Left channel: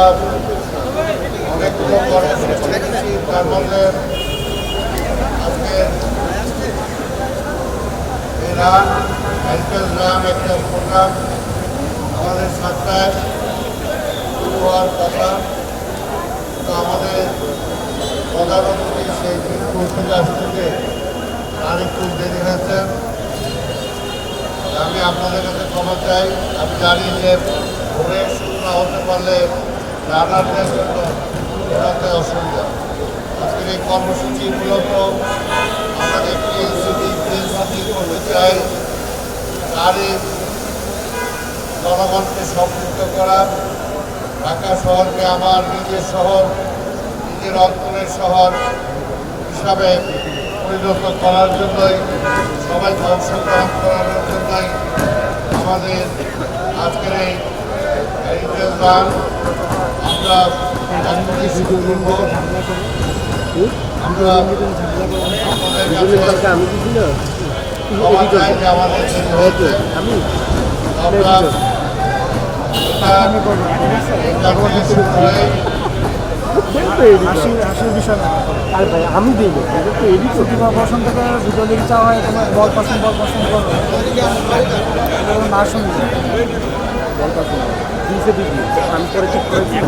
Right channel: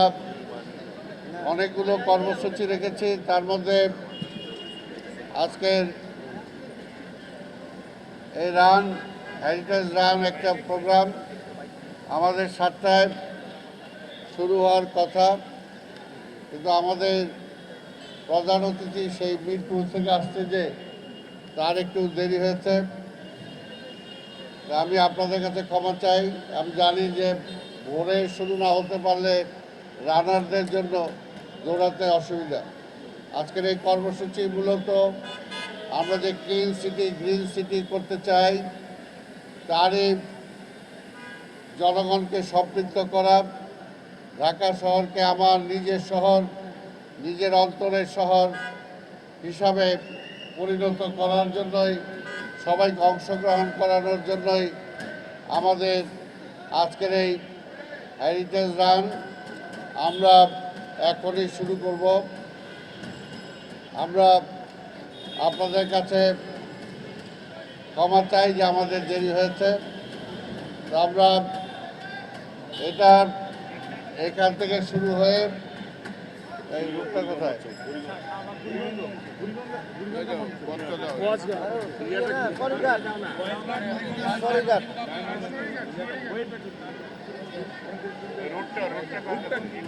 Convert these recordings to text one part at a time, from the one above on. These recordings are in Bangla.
আমরা অনেকগুলো কর্মসূচি রেখেছি, তার মধ্যে আজকে রান হেল্পেল রান একটা প্রোগ্রাম আমাদের 7টায় শুরু হওয়ার কথা। তো আমাদের প্রধান অতিথি সেই মিরপুর থেকে আসতেছে, তার একটু দেরি হয়েছে। আমি আপনাদের কাছে ক্ষমা চাই। আমি জানি যে ভোরে শুরু না হতে পারলে রানারদের জন্য ঘোরাতে অসুবিধা। আজকের এই কর্মসূচি মূলত আমাদের টিএনসিটি করতে চাই, তারই জনগণকে সম্পৃক্ত করা, ঢাকা শহরকে আমার নিজের শহর, নিজের অঞ্চলের শহর হিসাবে পরিণত করার জন্যই, সবাইকে অংশগ্রহণ করানোর জন্যই আমাদের আজকের এই হেরিটেজ রান আমরা এখনই শুরু করব। আমরা আপনাদের কাছে ক্ষমা চাই যে আমাদের দেরি হয়েছে। আমরা এটা শুরু করে আমি দিই বসন্তকে ভিডিও লিখে চাওয়া হয় তোমার বল পছন্দ না শুনি বল পছন্দ দিয়েছে দিদি আমি করে ঠিক করেছি।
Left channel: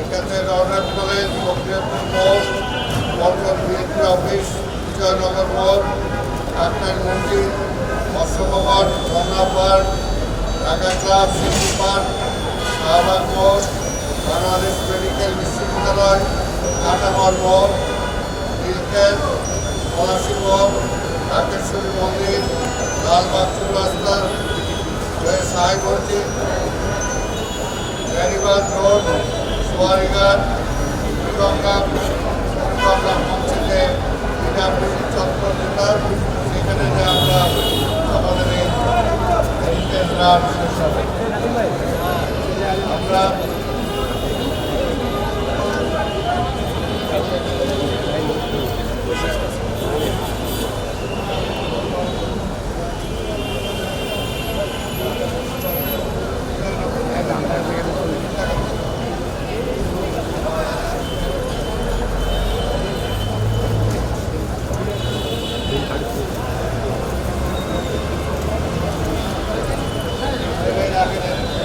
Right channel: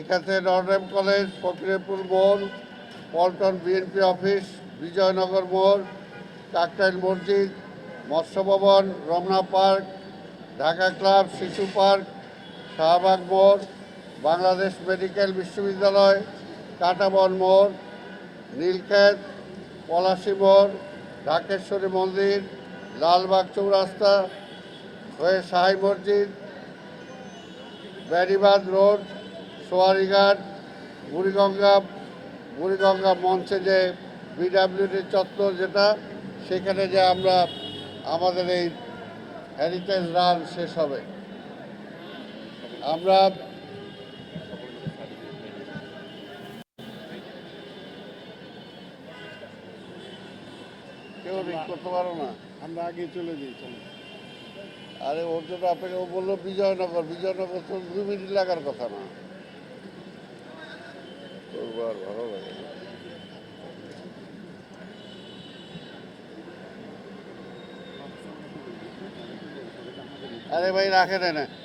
এখানে রওনার কলেজ, ফকরিয়াপুর মোড়, মন্ডল বিএনপি অফিস, বিজয়নগর মোড়, কাপ্তান মন্দির, Matsya Bhaban, Mongla park, Dhaka club, city park, Shahbag মোড়, বাংলাদেশ মেডিকেল বিশ্ববিদ্যালয়, কাটামার মোড়, নীলক্যাম্প, পলাশী মোড়, ঢাকেশ্বরী মন্দির, লালবাগ চৌরাস্তা হয়ে শাহী মসজিদ, বেরিবাদ রোড, সোয়ারিঘাট, বুড়িগঙ্গা মঞ্চে যে পিডাব্লিউডি চত্বর যেটা, সেখানে যে আমরা আমাদের এই হেরিটেজ রান শেষ হবে। আমরা রাখে দেন।